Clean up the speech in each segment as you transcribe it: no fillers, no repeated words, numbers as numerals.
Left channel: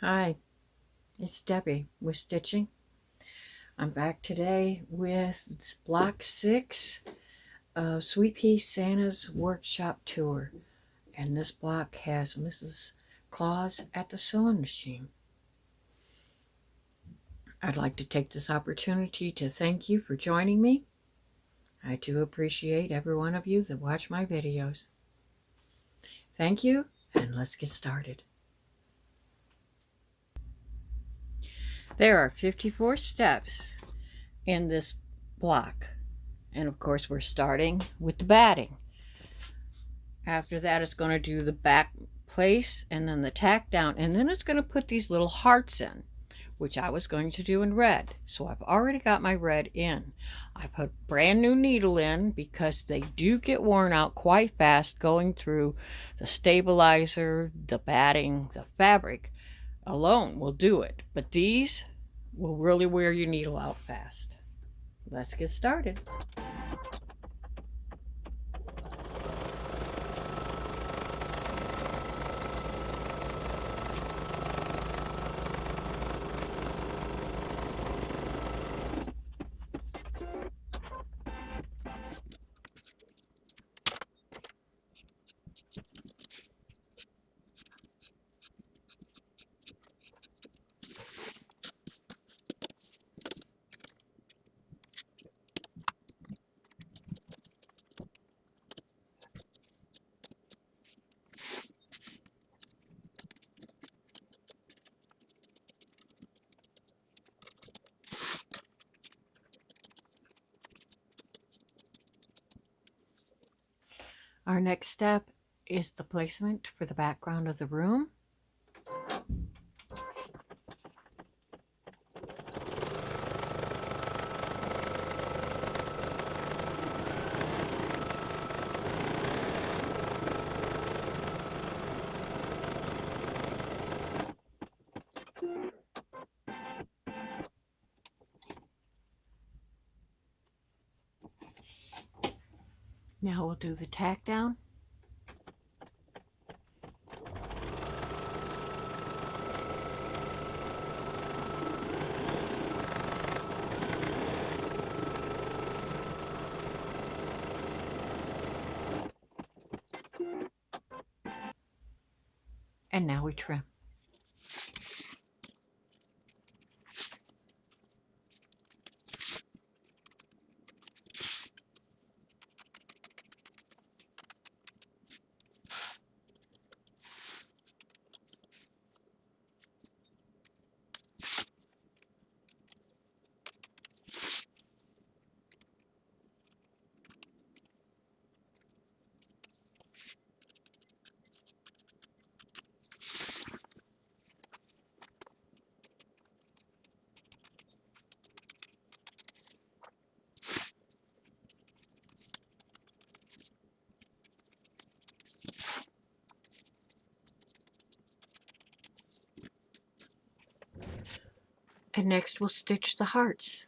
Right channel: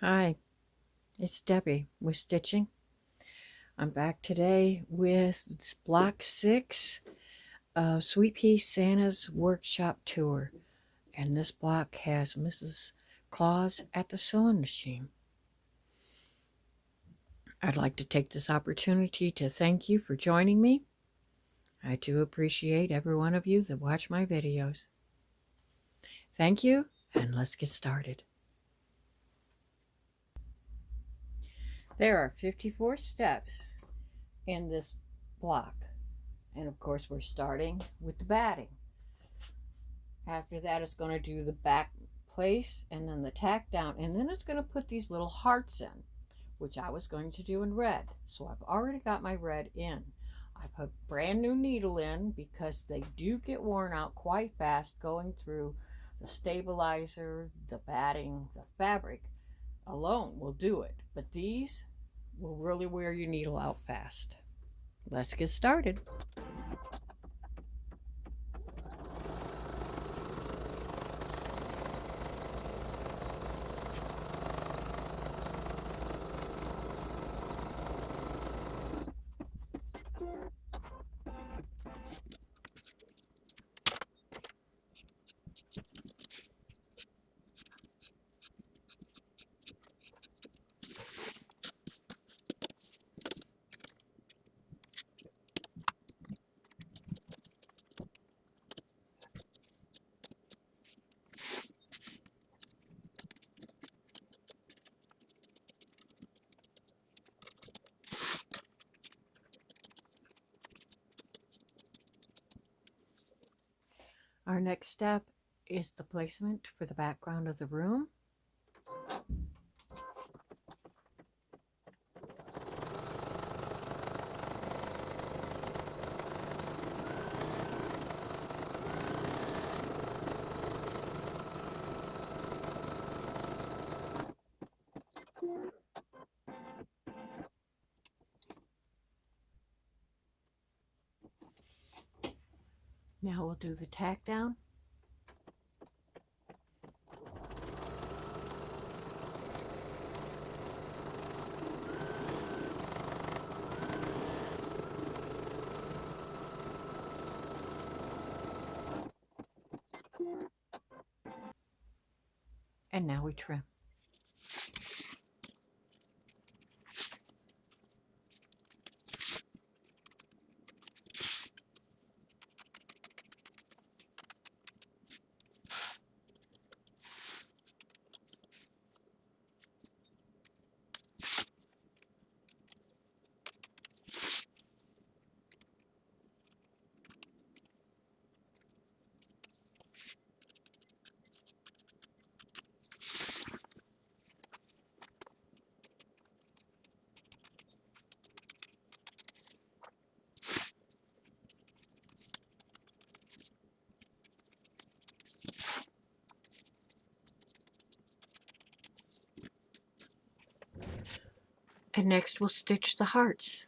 Hi, it's Debbie with Stitching. I'm back today with Block 6 of SweetPea Santa's Workshop Tour. And this block has Mrs. Claus at the sewing machine. I'd like to take this opportunity to thank you for joining me. I do appreciate every one of you that watch my videos. Thank you, and let's get started. There are 54 steps in this block. And of course, we're starting with the batting. After that, it's going to do the back place and then the tack down. And then it's going to put these little hearts in, which I was going to do in red. So I've already got my red in. I put brand new needle in because they do get worn out quite fast going through the stabilizer, the batting, the fabric alone will do it. But these will really wear your needle out fast. Let's get started. Our next step is the placement for the background of the room. Now we'll do the tack down. And now we trim. And next we'll stitch the hearts.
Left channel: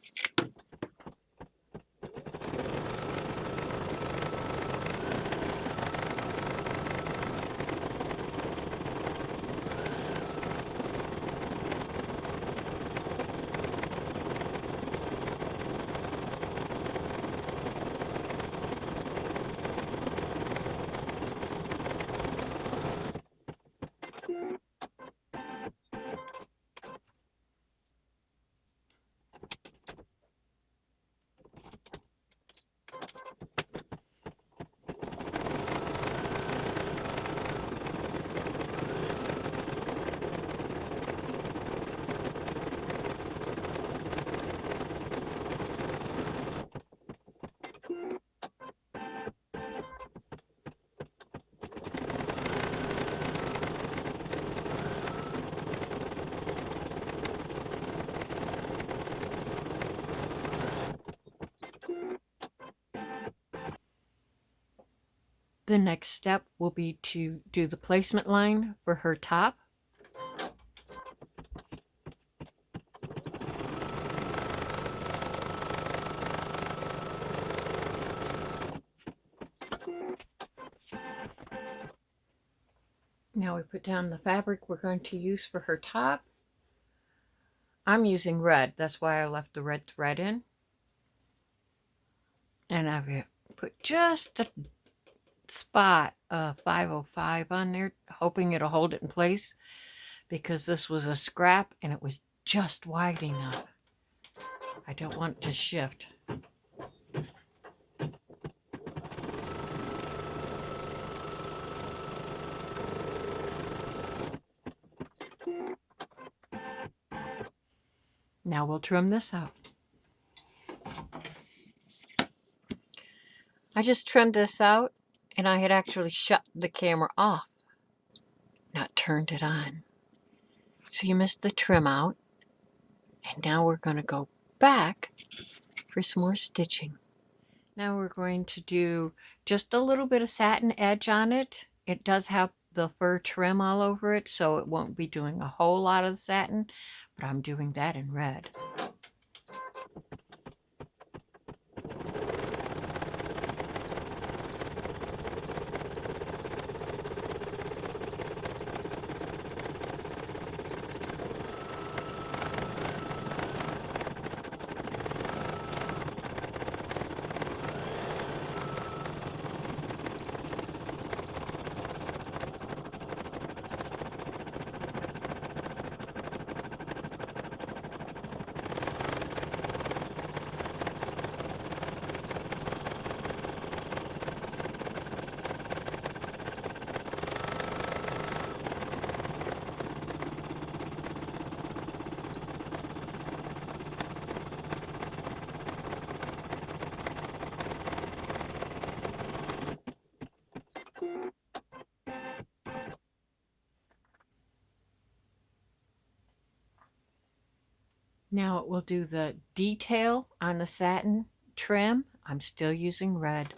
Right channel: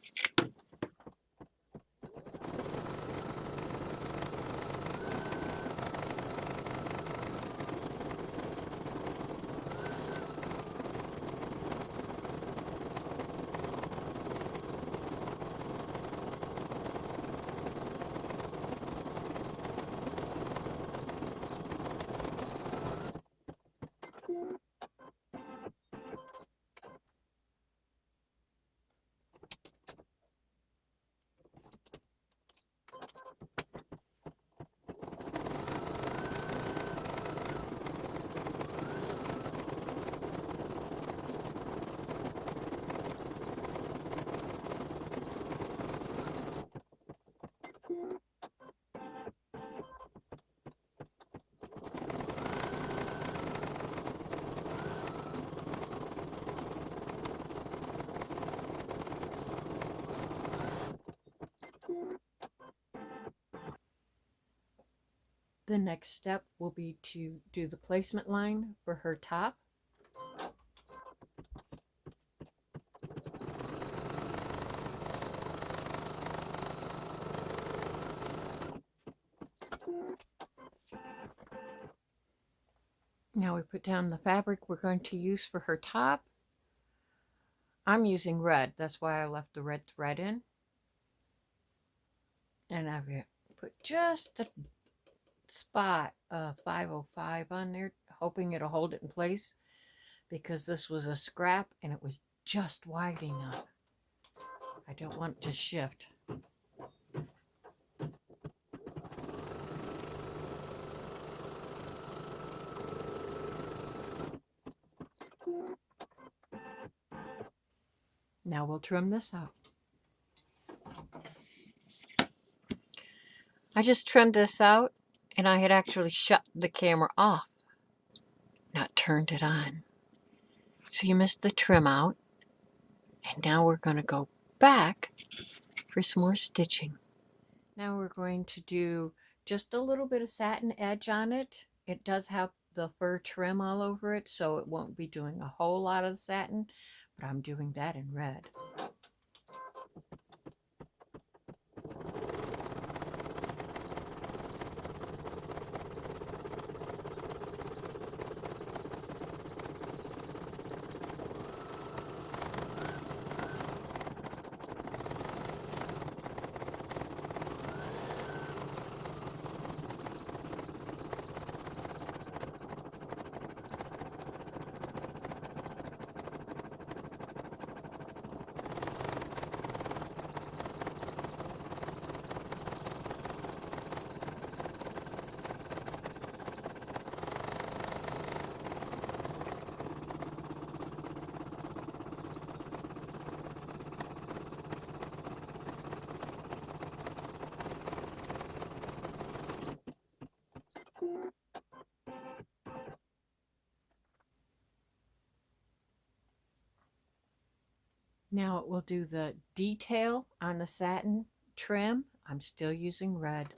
The next step will be to do the placement line for her top. Now we put down the fabric we're going to use for her top. I'm using red, that's why I left the red thread in. And I've put just a spot of 505 on there, hoping it'll hold it in place, because this was a scrap and it was just wide enough. I don't want it to shift. Now we'll trim this out. I just trimmed this out, and I had actually shut the camera off, not turned it on. So you missed the trim out, and now we're going to go back for some more stitching. Now we're going to do just a little bit of satin edge on it. It does have the fur trim all over it, so it won't be doing a whole lot of the satin, but I'm doing that in red. Now it will do the detail on the satin trim. I'm still using red.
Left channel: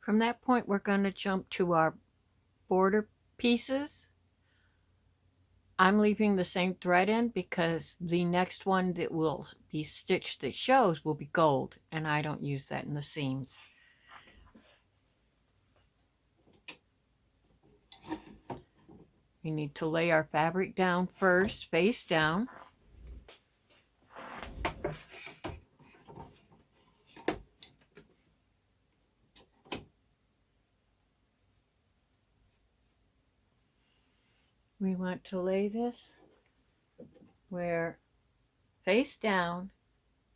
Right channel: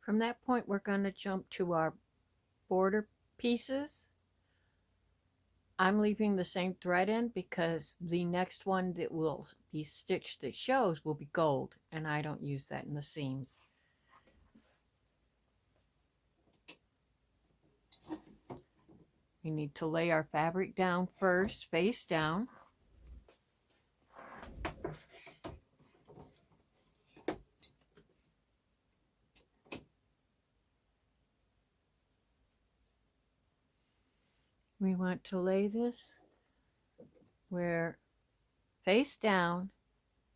From that point, we're going to jump to our border pieces. I'm leaving the same thread in because the next one that will be stitched that shows will be gold, and I don't use that in the seams. We need to lay our fabric down first, face down. We want to lay this where face down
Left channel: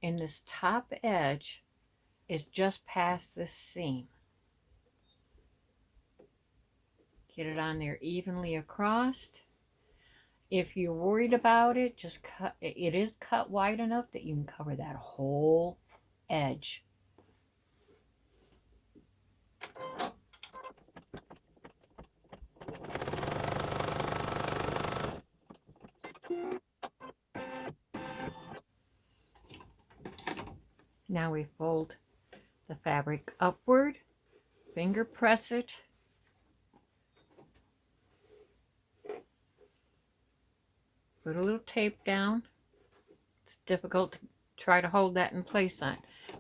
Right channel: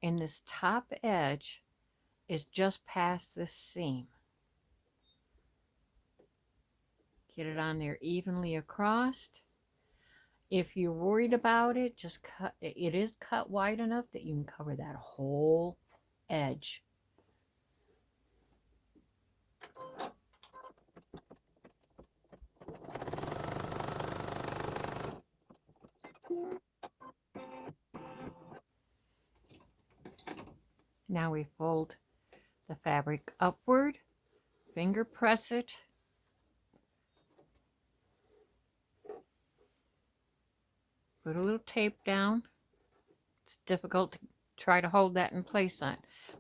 and this top edge is just past this seam. Get it on there evenly across. If you're worried about it, just cut. It is cut wide enough that you can cover that whole edge. Now we fold the fabric upward, finger press it, put a little tape down. It's difficult to try to hold that in place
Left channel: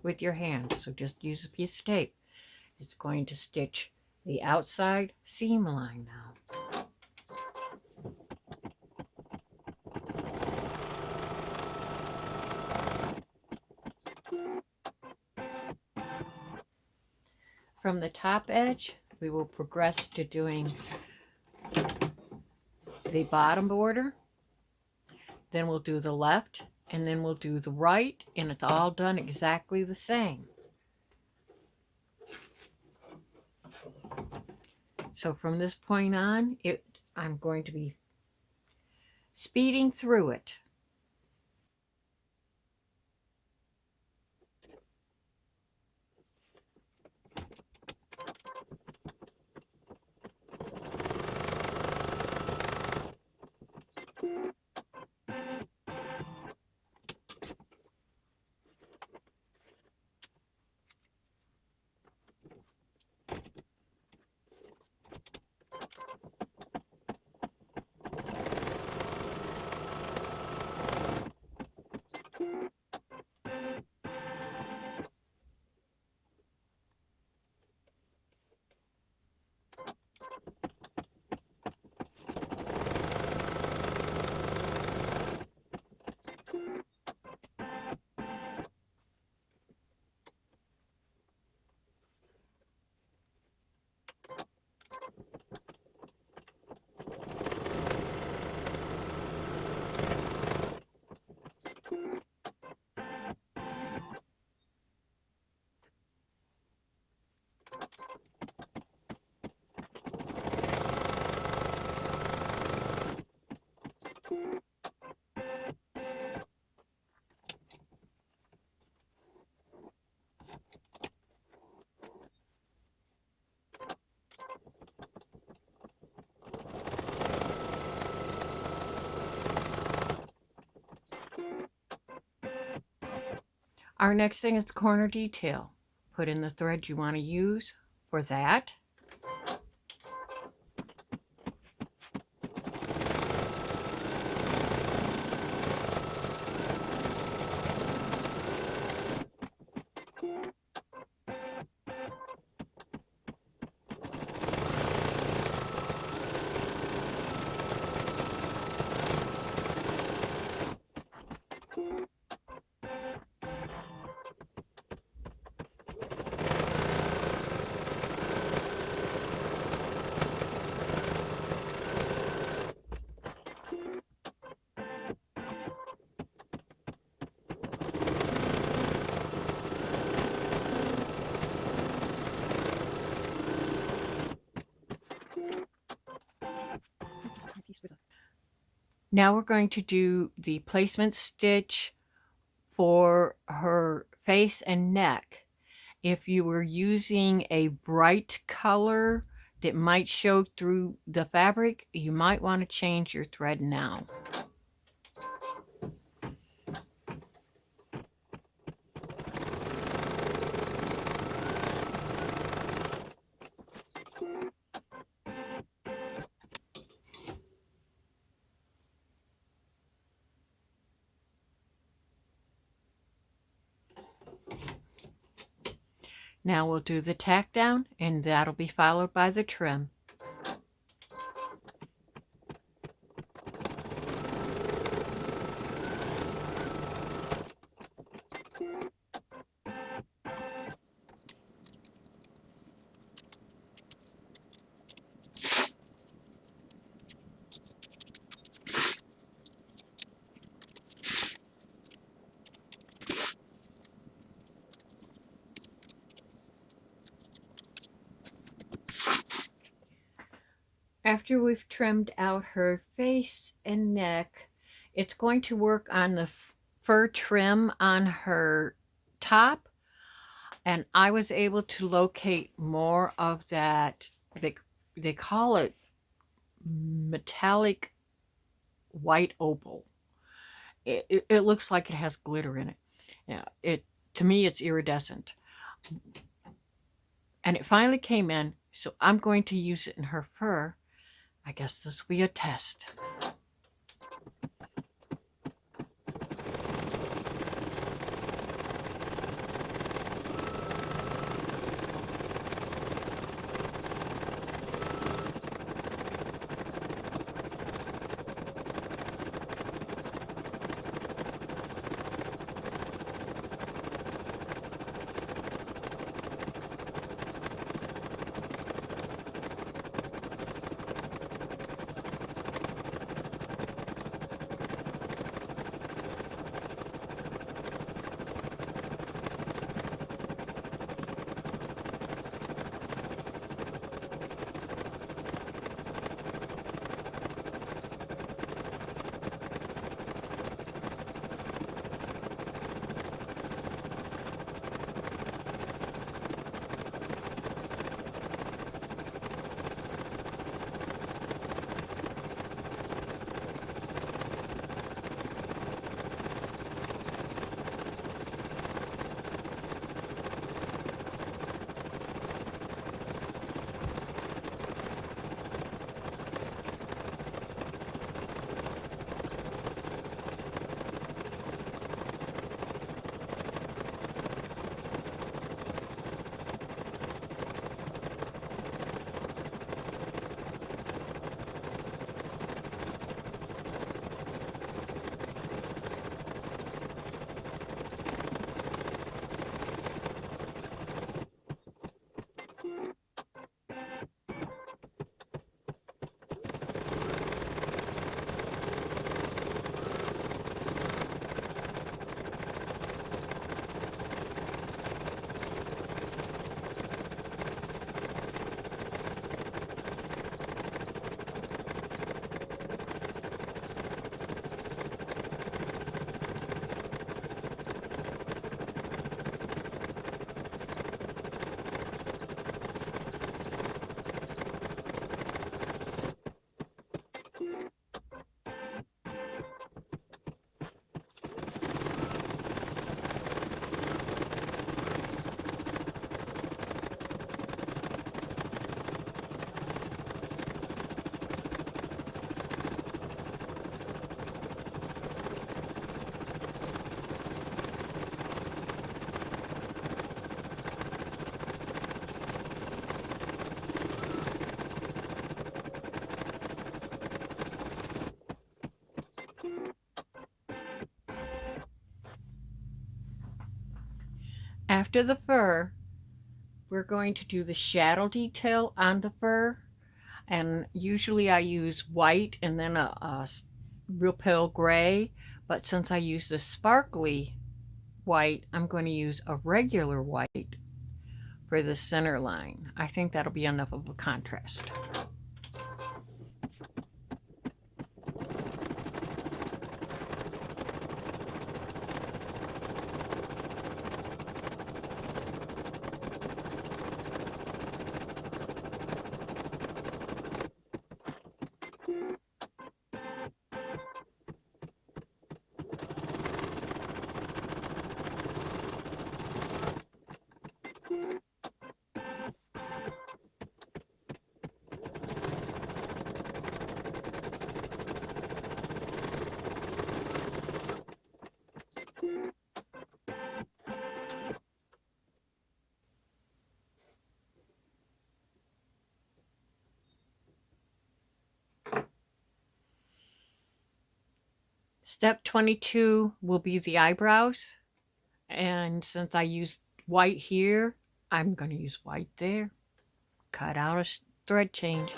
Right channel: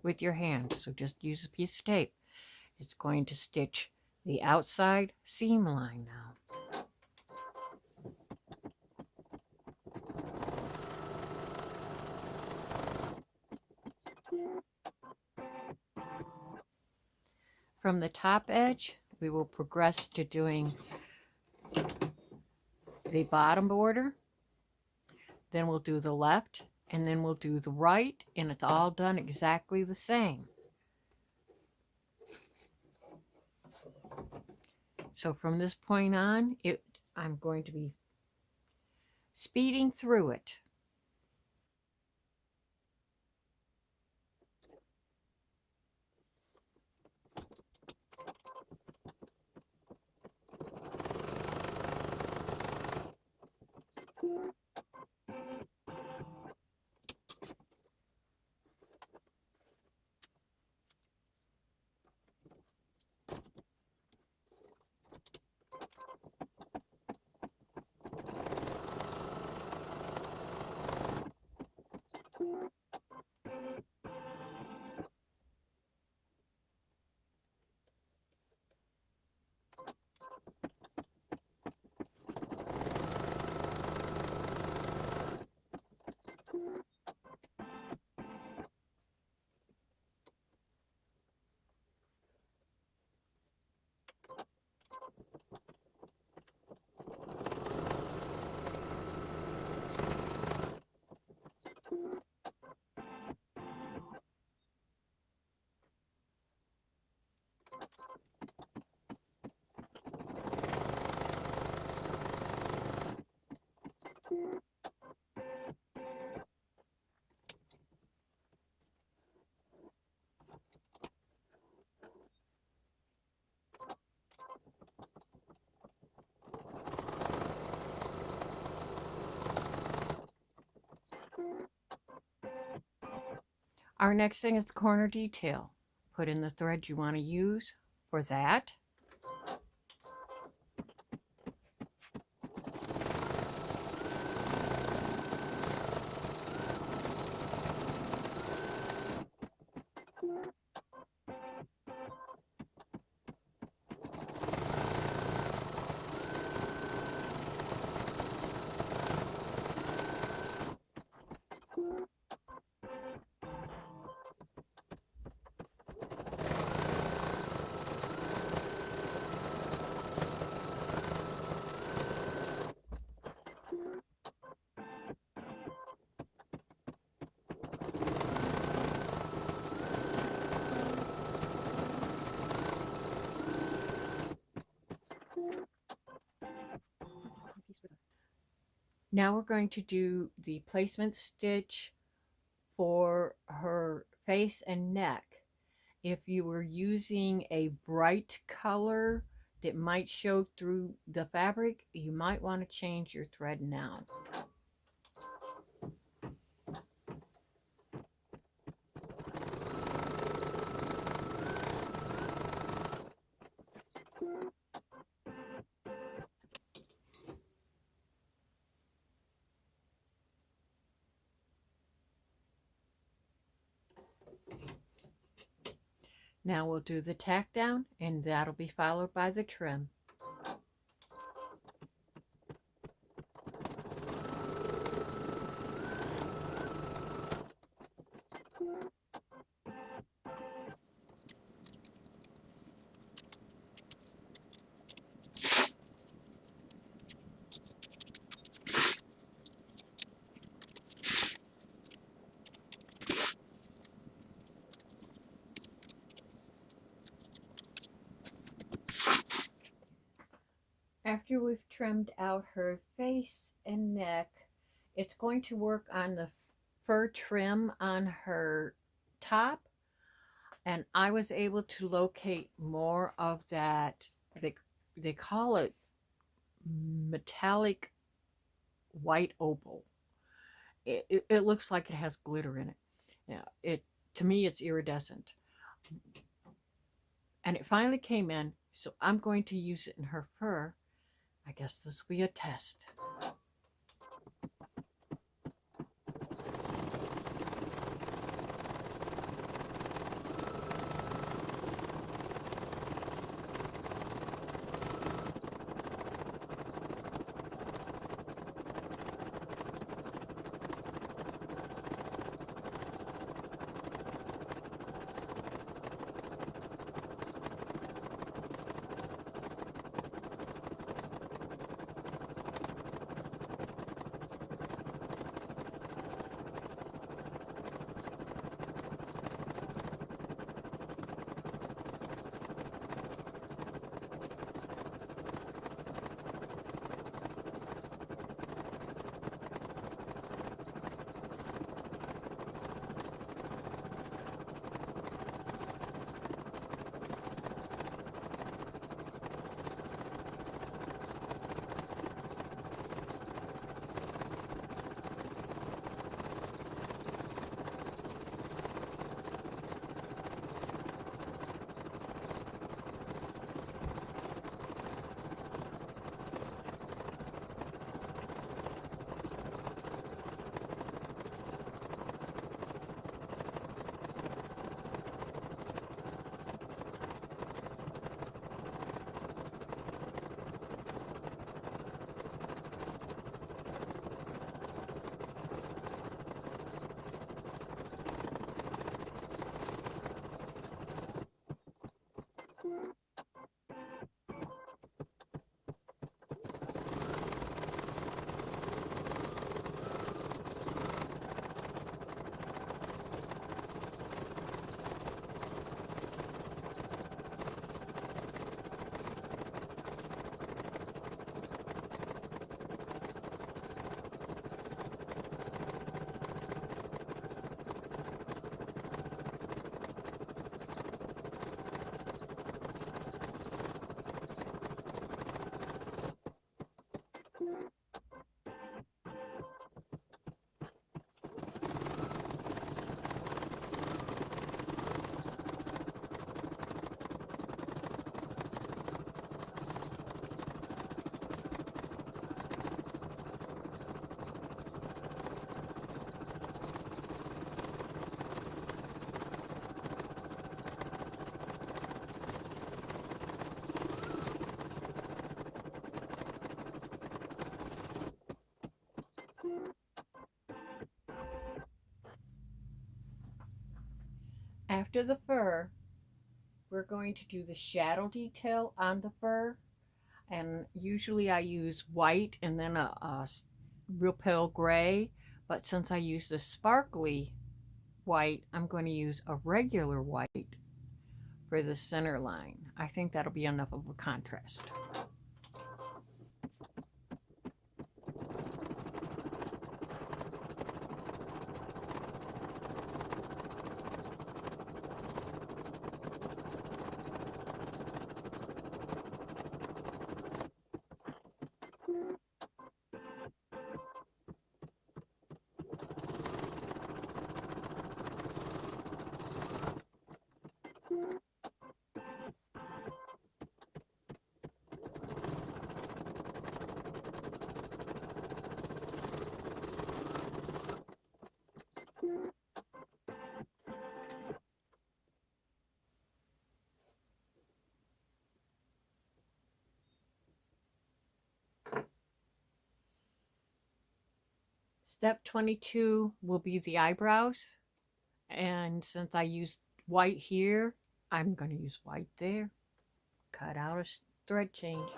with your hands, so just use a piece of tape. It's going to stitch the outside seam line now. From the top edge, we will progress to doing the bottom border. Then we'll do the left, and then we'll do the right, and it's all done exactly the same. So from this point on, I'm going to be speeding through it. Our next thing is the corner detail. Put in the thread you want to use for that. Now we're going to do the placement stitch for her face and neck. If you were using a bright color that might show through the fabric, you might want to change your thread now. Now we'll do the tack down, and that'll be followed by the trim. After we've trimmed out her face and neck, it's going to work on the fur trim on her top. And I was able to locate more of that, they call it metallic white opal. It looks like it has glitter in it. Yeah, to me it's iridescent. And it finally came in, so I'm going to use it in her fur. I guess this will be a test. After the fur, we're going to do the shadow detail on the fur. And usually I use white and then a real pale gray. But since I use the sparkly white, I'm going to use a regular white for the center line. I think that'll be enough of a contrast. Step 22 will be the eyebrows. And since I used white here, I'm going to use white there. Cut out a thread change.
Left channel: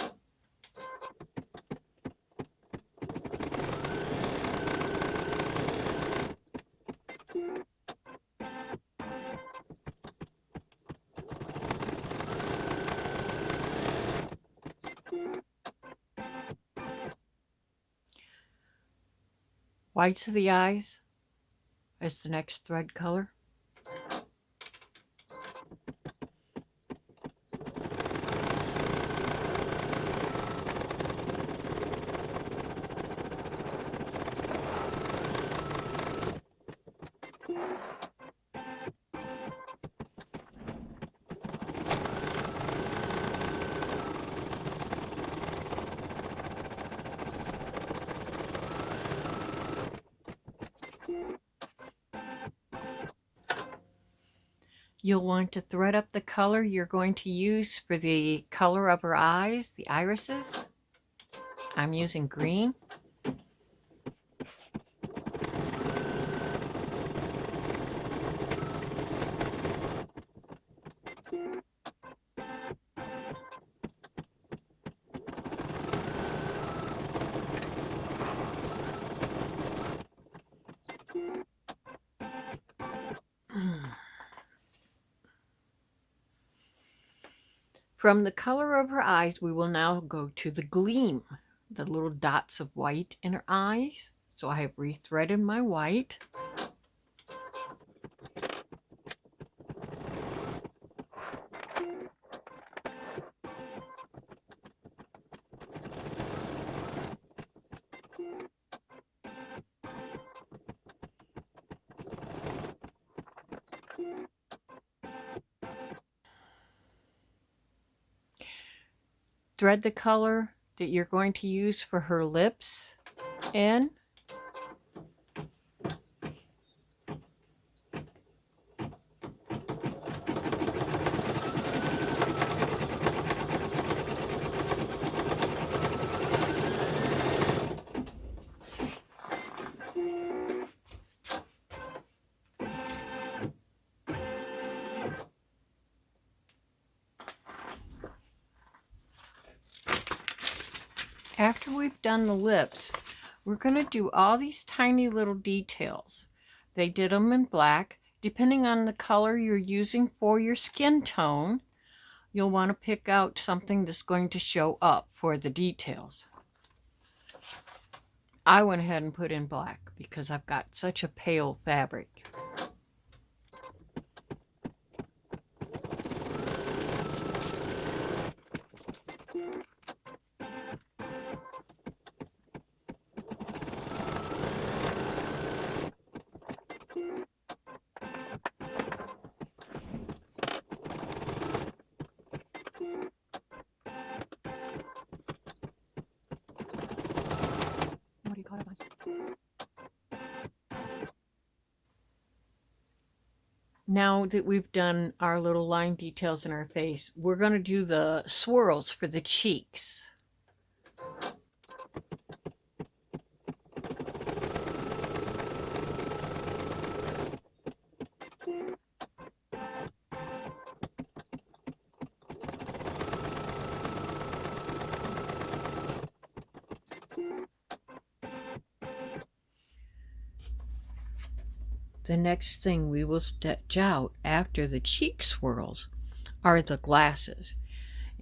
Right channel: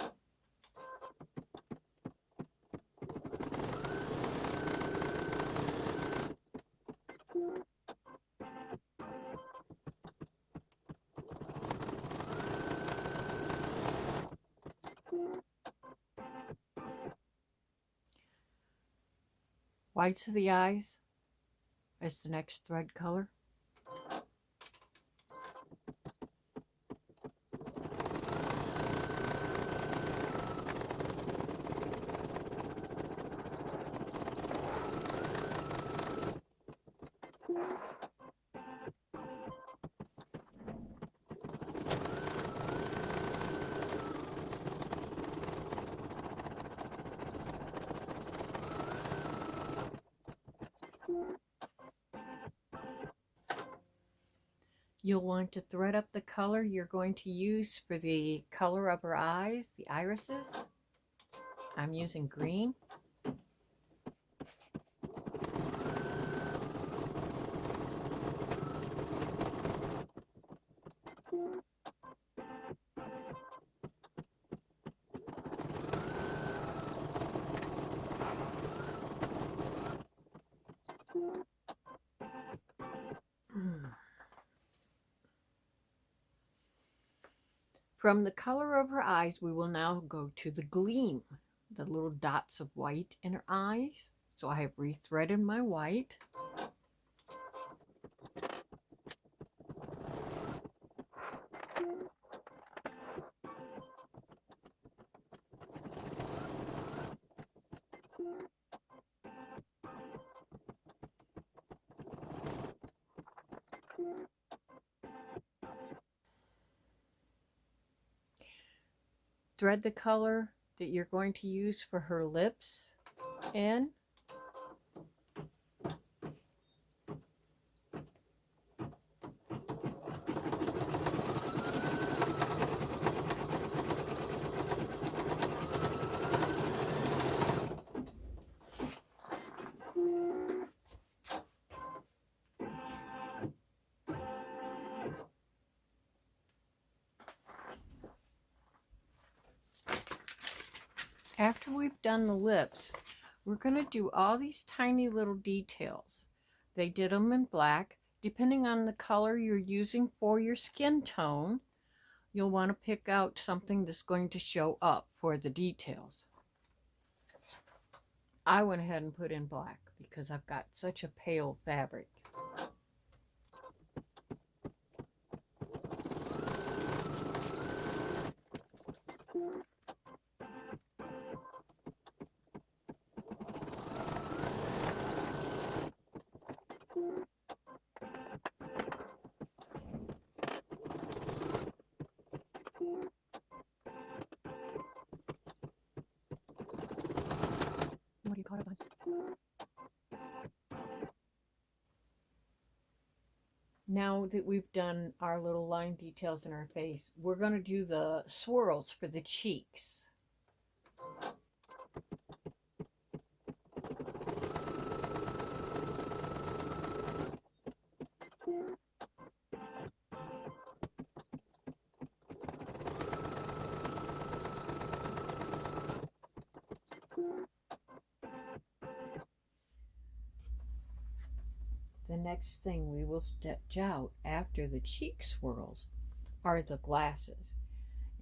Whites of the eyes is the next thread color. You'll want to thread up the color you're going to use for the color of her eyes, the irises. I'm using green. From the color of her eyes, we will now go to the gleam, the little dots of white in her eyes. So I have rethreaded my white. Thread the color that you're going to use for her lips in. After we've done the lips, we're going to do all these tiny little details. They did them in black. Depending on the color you're using for your skin tone, you'll want to pick out something that's going to show up for the details. I went ahead and put in black because I've got such a pale fabric. Now that we've done our little line details in our face, we're going to do the swirls for the cheeks. The next thing we will stitch out after the cheek swirls are the glasses.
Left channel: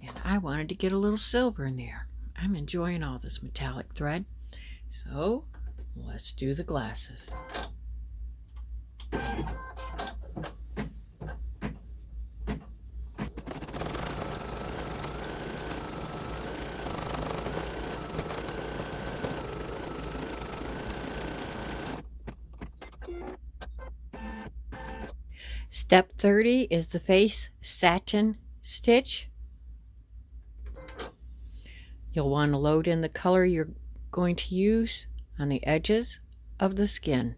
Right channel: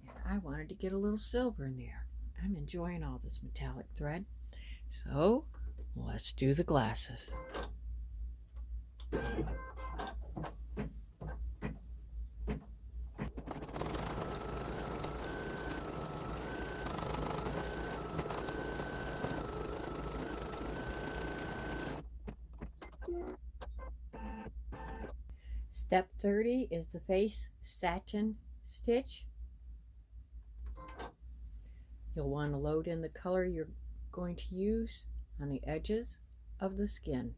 And I wanted to get a little silver in there. I'm enjoying all this metallic thread. So let's do the glasses. Step 30 is the face satin stitch. You'll want to load in the color you're going to use on the edges of the skin.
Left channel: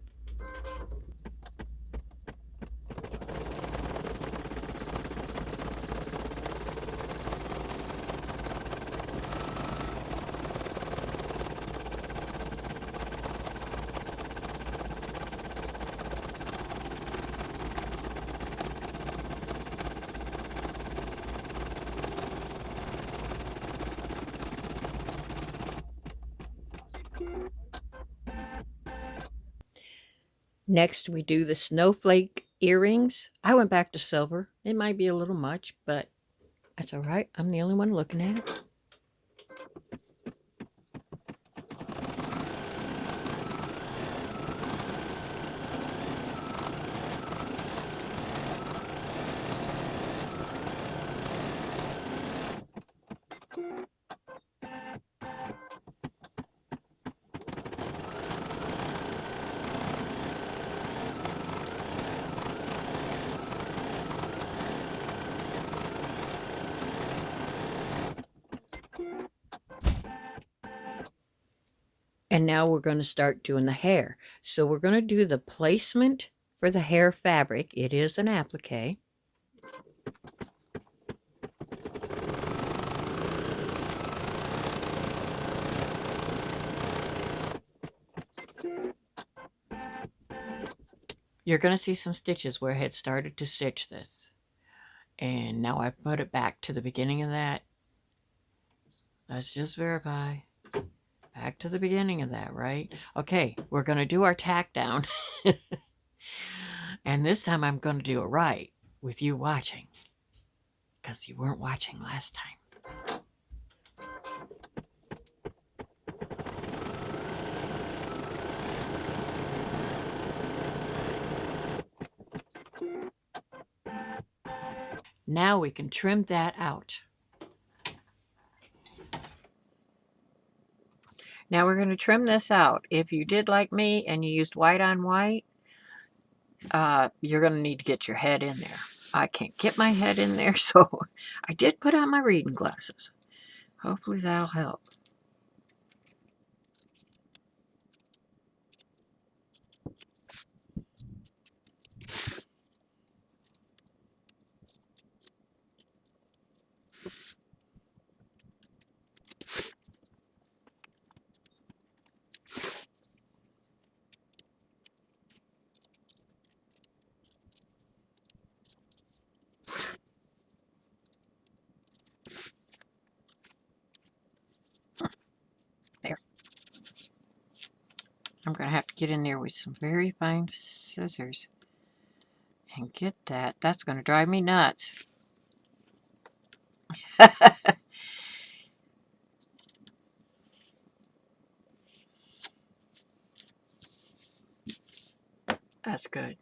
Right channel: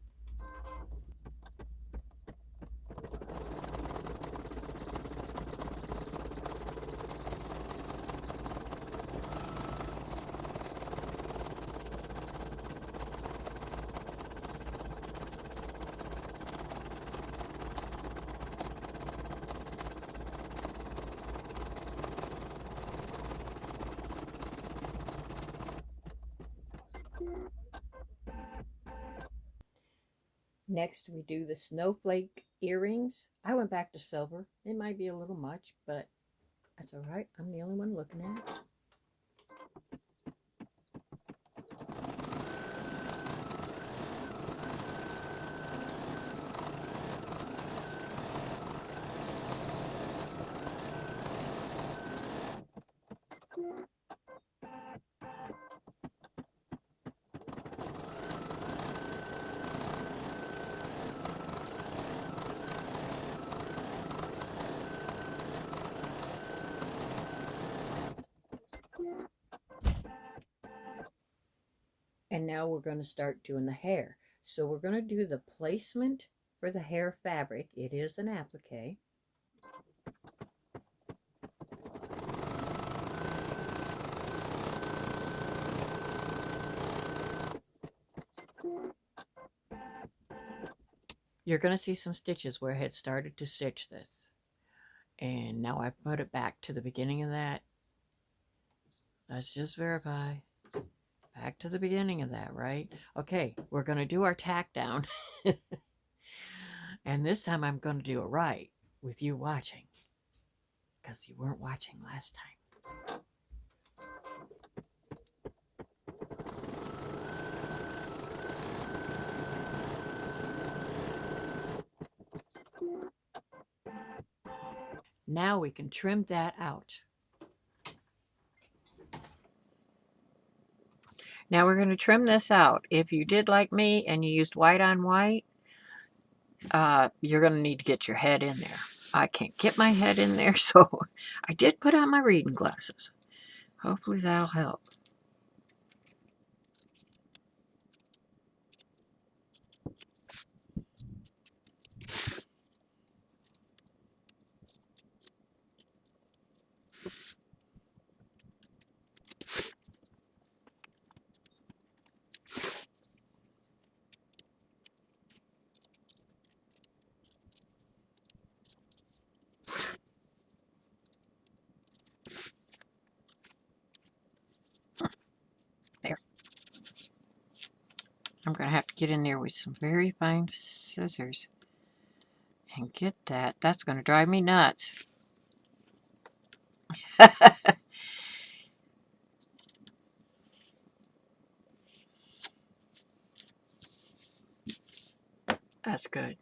Next, we do the snowflake earrings. I went back to silver. It might be a little much, but that's all right. I'm the only one looking at it. And now we're going to start doing the hair. So we're going to do the placement for the hair fabric. It is an applique. You're going to see some stitches where I had started to stitch this. And now I put it back to the beginning of that. Let's just verify. Back to the beginning of that, right? Okay, we're going to do our tack down. And this time I'm going to do it right with you watching. Because you weren't watching last time. Now we can trim that out. Now we're going to trim this out. If you did like me and you used white on white, you're going to need to get your head in there. I can't get my head in there, so I did put on my reading glasses. Hopefully that'll help. There. I'm going to have to get in there with some very fine scissors and get that. That's going to drive me nuts. That's good.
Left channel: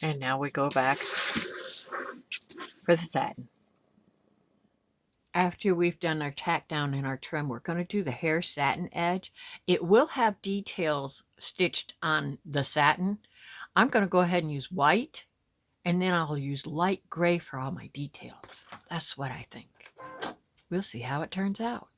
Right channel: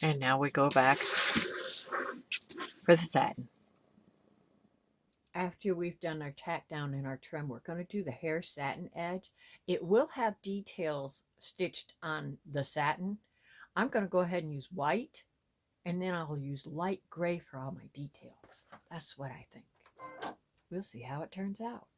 And now we go back for the satin. After we've done our tack down and our trim, we're going to do the hair satin edge. It will have details stitched on the satin. I'm going to go ahead and use white, and then I'll use light gray for all my details. That's what I think. We'll see how it turns out.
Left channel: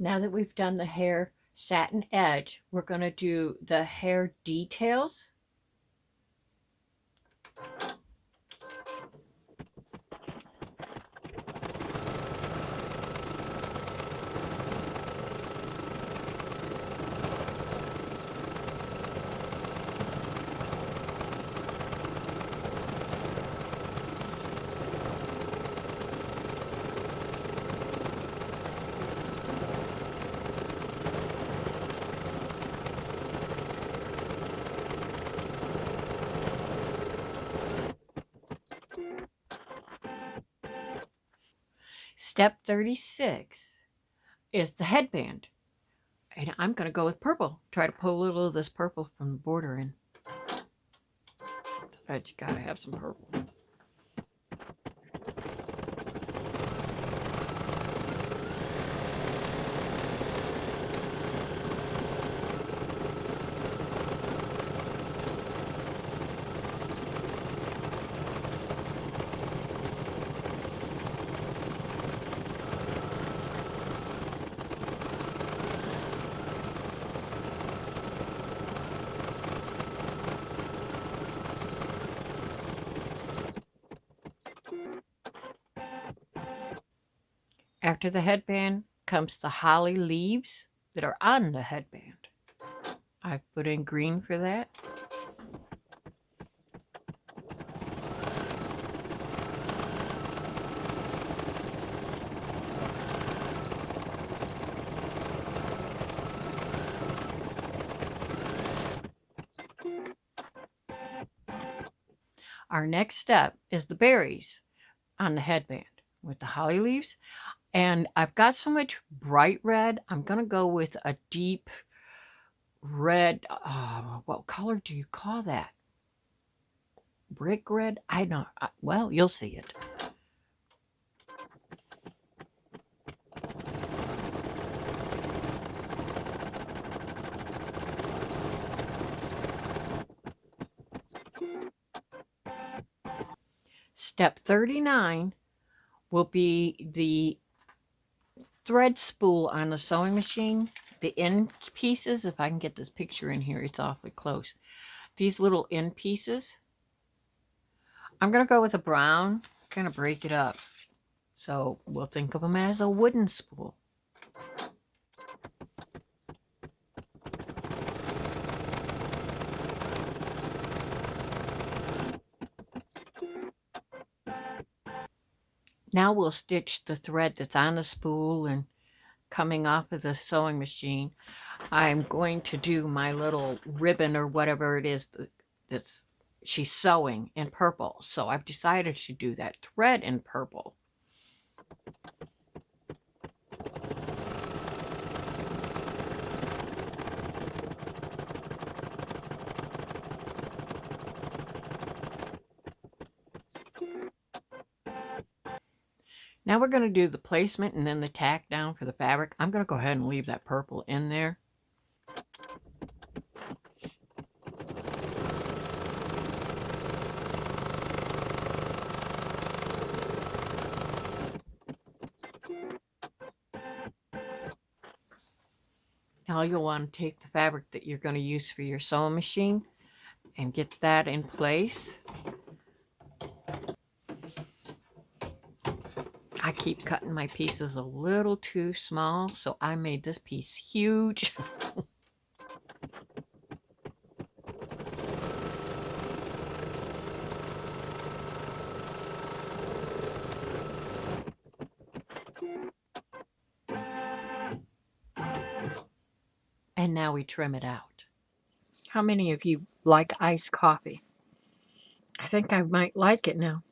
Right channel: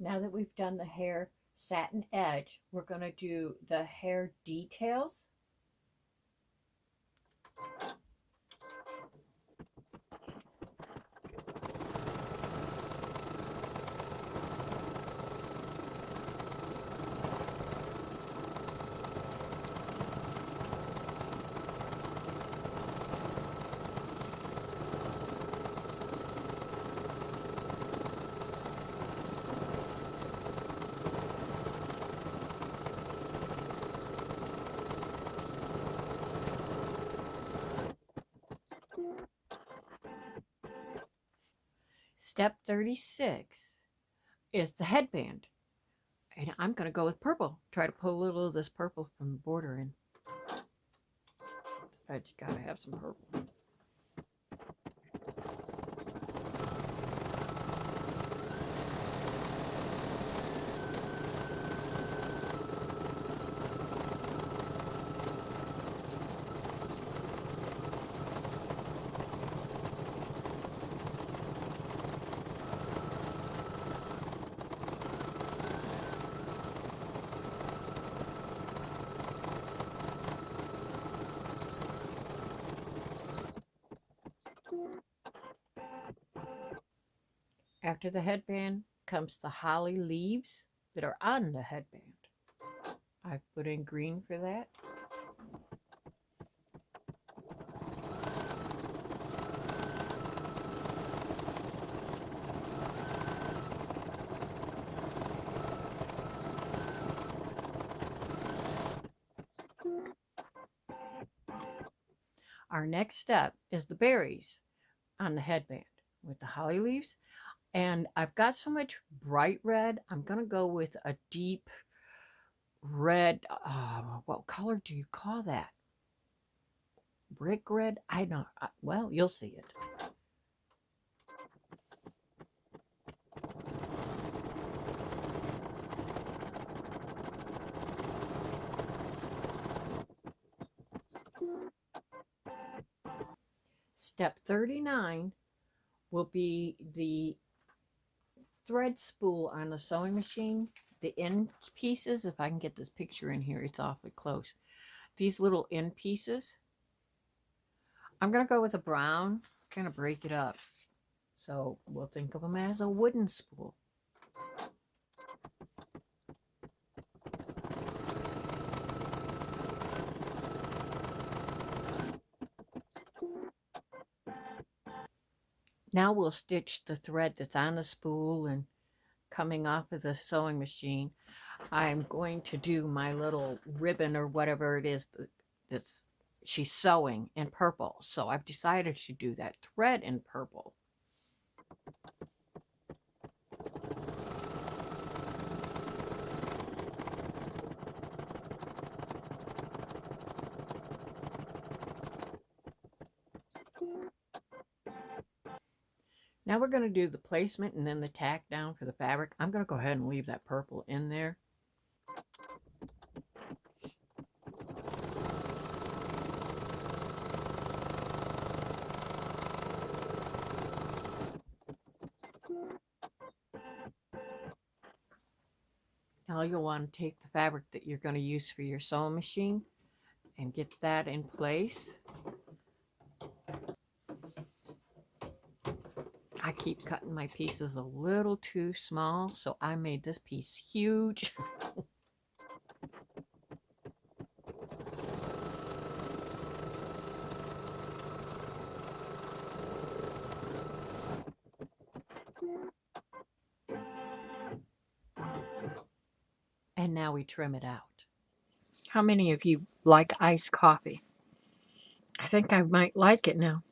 Now that we've done the hair satin edge, we're going to do the hair details. Step 36 is the headband. And I'm going to go with purple. Try to pull a little of this purple from the border in. But you got to have some purple. After the headband comes the holly leaves that are on the headband. I put in green for that. Our next step is the berries on the headband with the holly leaves. And I've got so much bright red, I'm going to go with a deep red. What color do you call that? Brick red? I don't. Well, you'll see it. Step 39 will be the thread spool on the sewing machine. The end pieces, if I can get this picture in here, it's awfully close. These little end pieces, I'm going to go with a brown, kind of break it up. So we'll think of them as a wooden spool. Now we'll stitch the thread that's on the spool and coming off of the sewing machine. I'm going to do my little ribbon or whatever it is that's she's sewing in purple. So I've decided to do that thread in purple. Now we're going to do the placement and then the tack down for the fabric. I'm going to go ahead and leave that purple in there. Now you'll want to take the fabric that you're going to use for your sewing machine and get that in place. I keep cutting my pieces a little too small, so I made this piece huge. And now we trim it out. How many of you like iced coffee? I think I might like it now.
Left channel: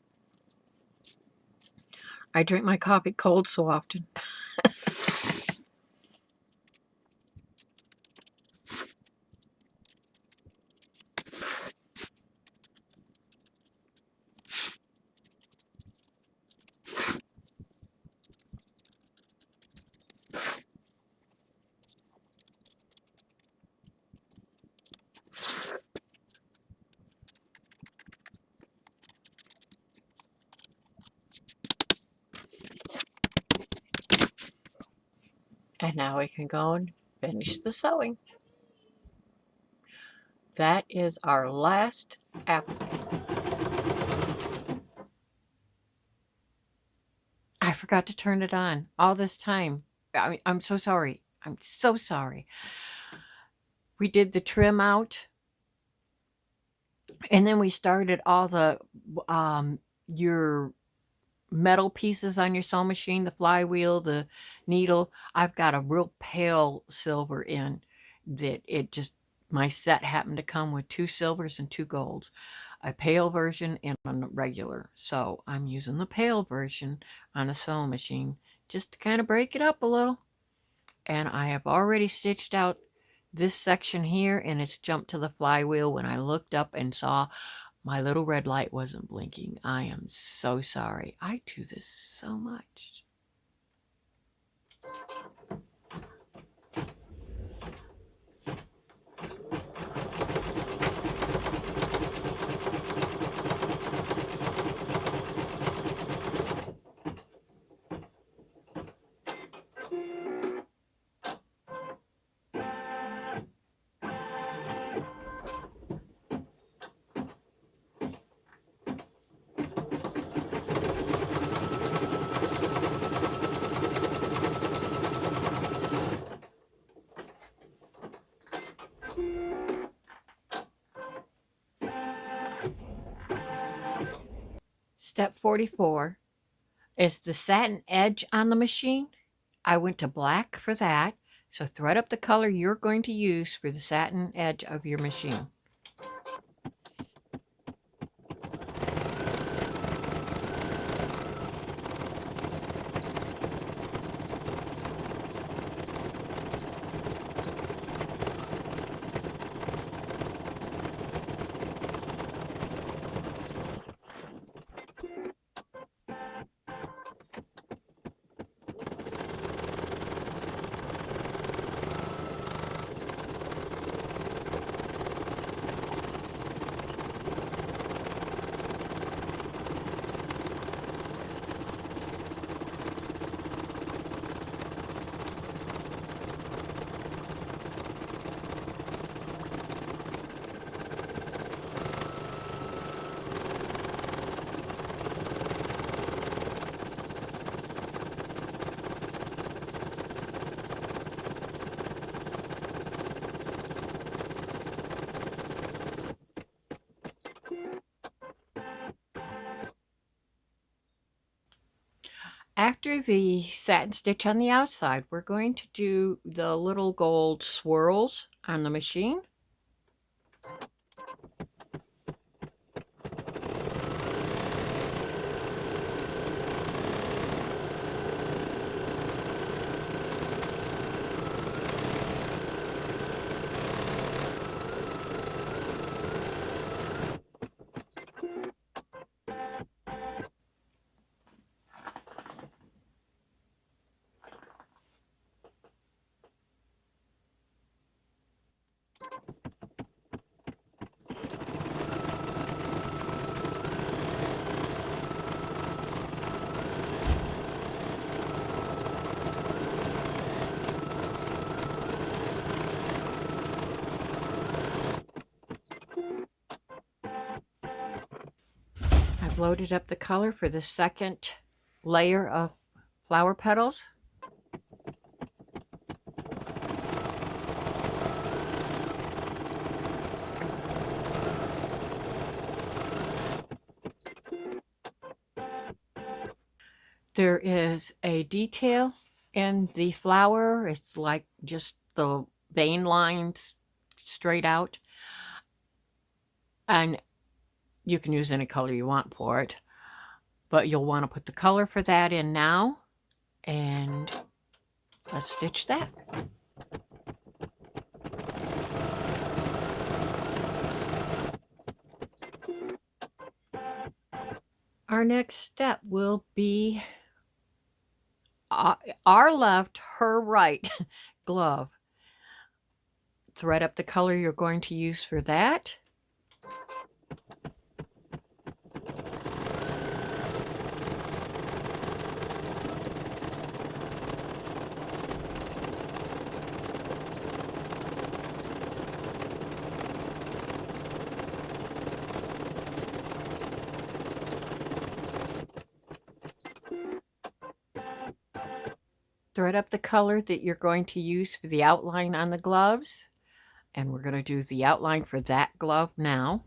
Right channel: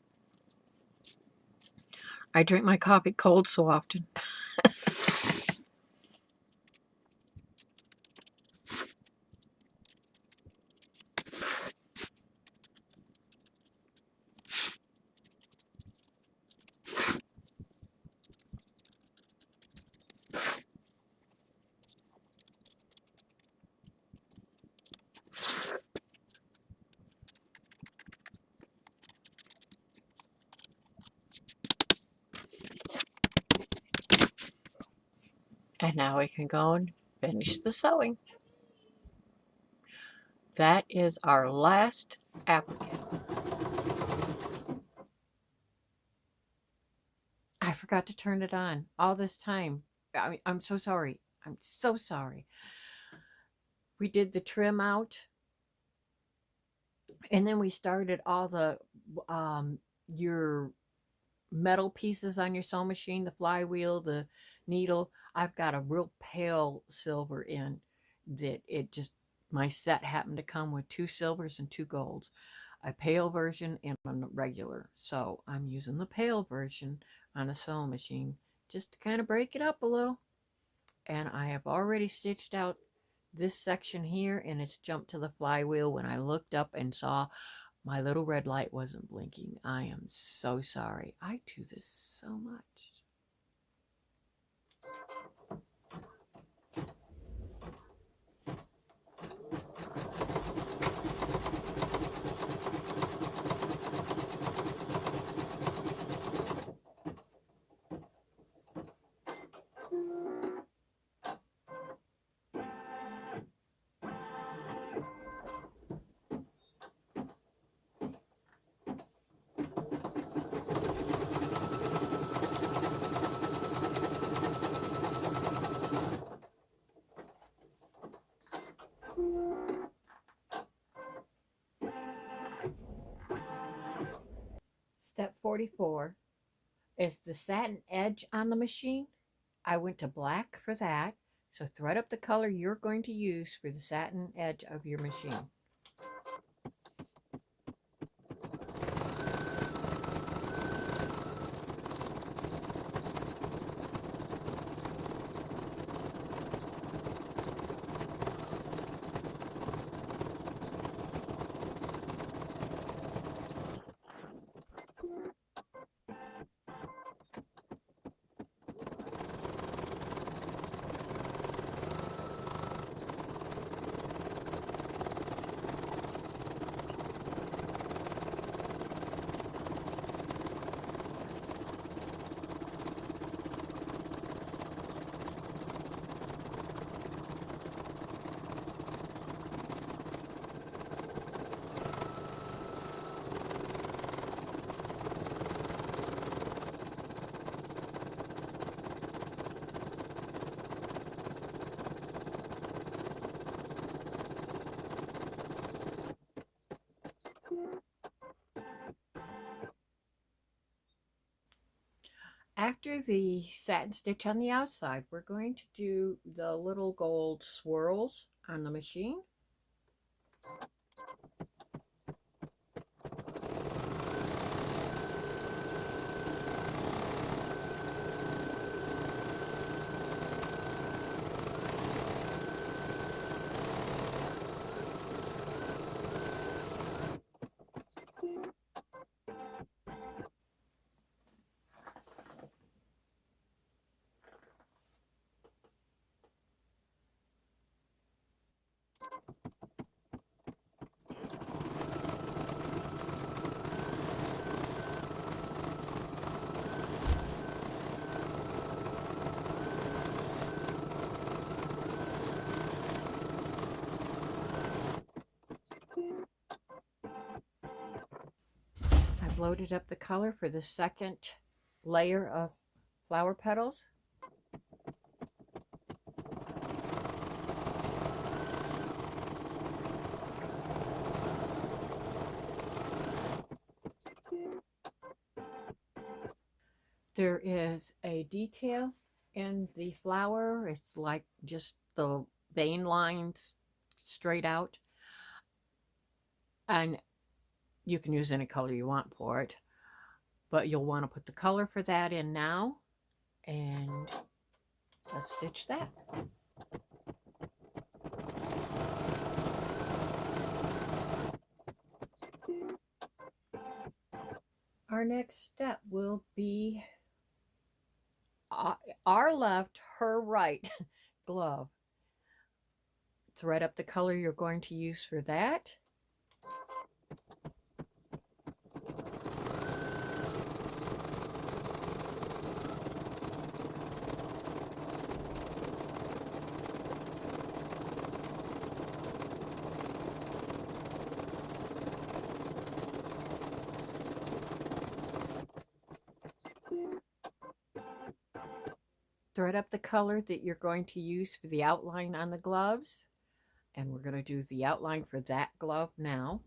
I drink my coffee cold so often. And now we can go and finish the sewing. That is our last applique. I forgot to turn it on all this time. I'm so sorry. I'm so sorry. We did the trim out, and then we started all the your metal pieces on your sewing machine, the flywheel, the needle. I've got a real pale silver in that it just, my set happened to come with 2 silvers and 2 golds, a pale version and a regular. So I'm using the pale version on a sewing machine just to kind of break it up a little. And I have already stitched out this section here, and it's jumped to the flywheel when I looked up and saw my little red light wasn't blinking. I am so sorry. I do this so much. Step 44 is the satin edge on the machine. I went to black for that. So thread up the color you're going to use for the satin edge of your machine. After the satin stitch on the outside, we're going to do the little gold swirls on the machine. I've loaded up the color for the second layer of flower petals. There is a detail in the flower. It's like just the vein lines straight out. And you can use any color you want for it. But you'll want to put the color for that in now. And let's stitch that. Our next step will be our left, her right glove. Thread up the color you're going to use for that. thread up the color that you're going to use for the outline on the gloves. And we're going to do the outline for that glove now.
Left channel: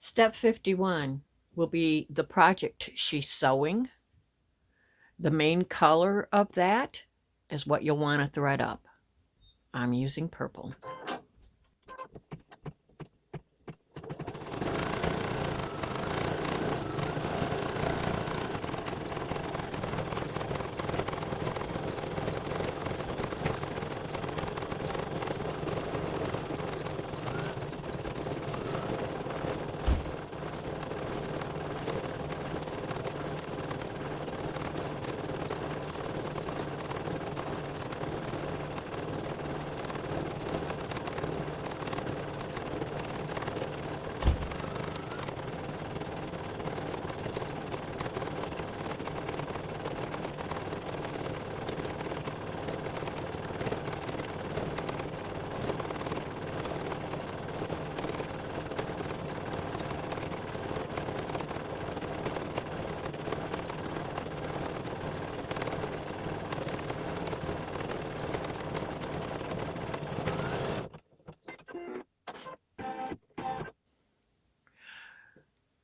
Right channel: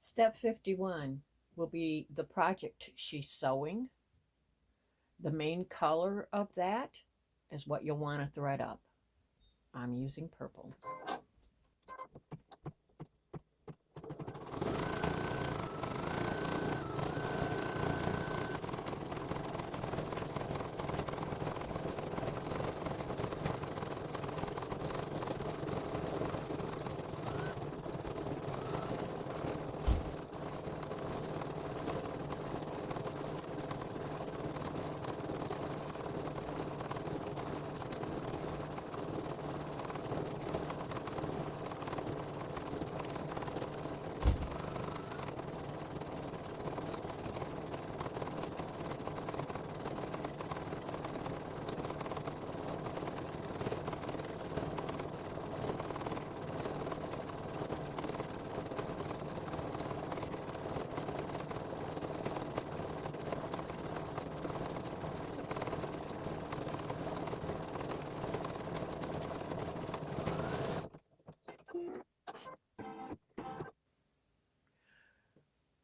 Step 51 will be the project she's sewing. The main color of that is what you'll want to thread up. I'm using purple.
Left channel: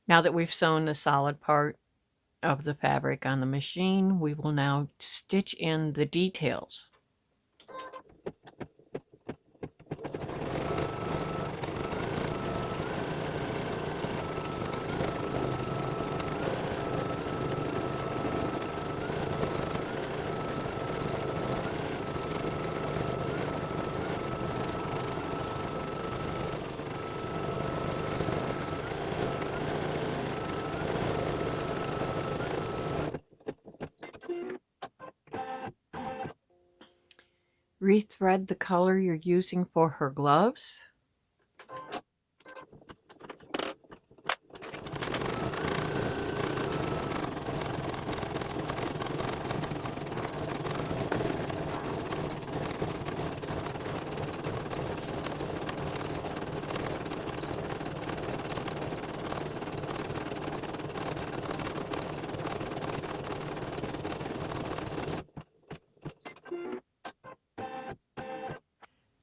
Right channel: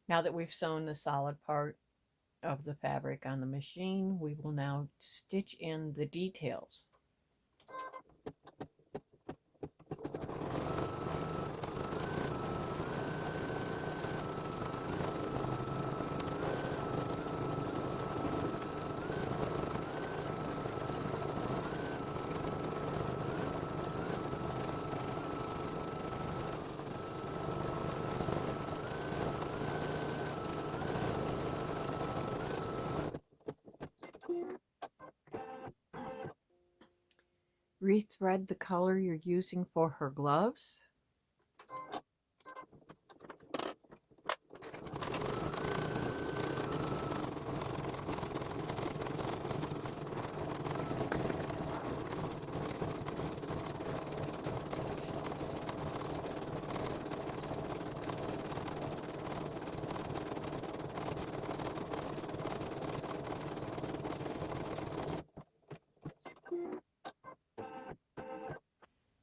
Now that we've sewn the solid part of the fabric on the machine, we will now stitch in the details. Rethread the color you're using for her gloves.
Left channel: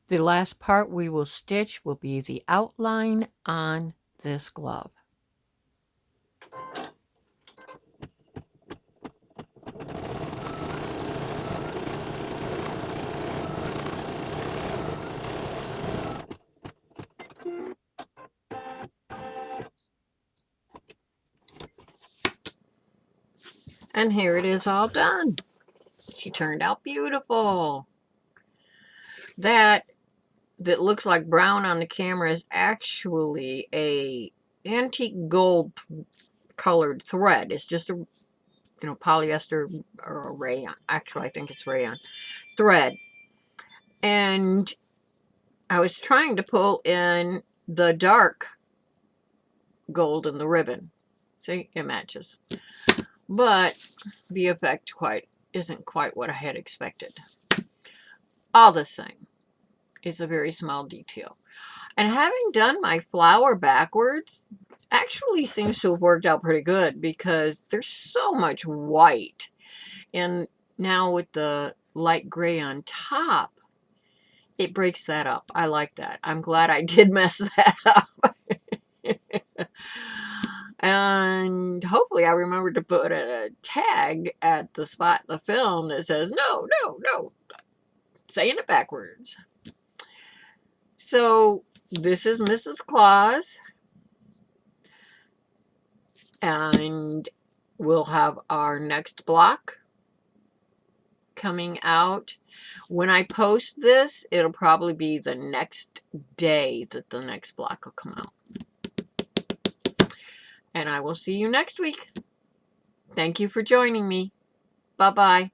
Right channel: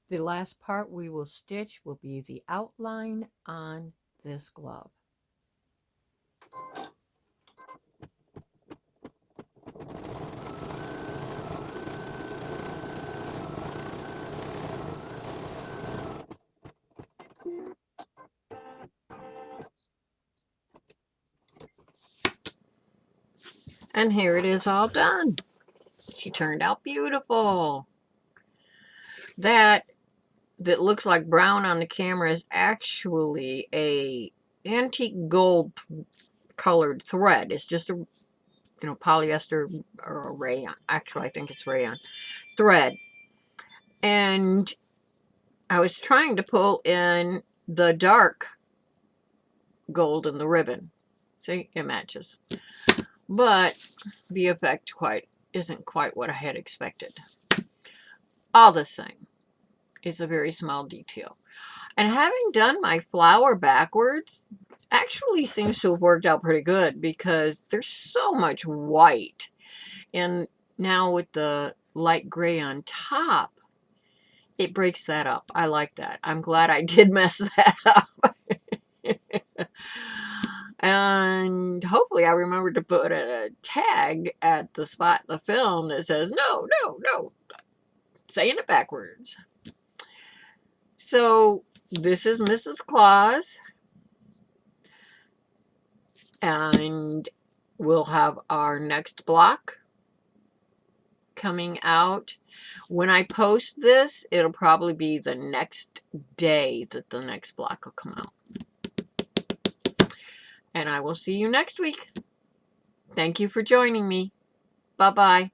The last part we will stitch will be the outline on this glove. And here it is all done. She turned out beautiful. That looks like brown on the camera is actually a antique gold colored thread. It's just a polyester or a rayon. Actually, I think it's rayon thread. And I was trying to pull in the dark gold in the ribbon. See, it matches. But the effect isn't quite what I had expected. All the same, it's a very small detail. And having done my flower backwards actually seems to have worked out pretty good because there's so much white. And now with the light gray on top, it breaks that up. I like that. I'm glad I did mess that up. And hopefully I remembered to put a tag at the spot in the film that says, no, saying it backwards. So this is Mrs. Claus. And we'll have our next block coming out. When I post this, it'll probably be the next day that the next block will come out. And I will see you next week. Thank you for joining me. Bye-bye.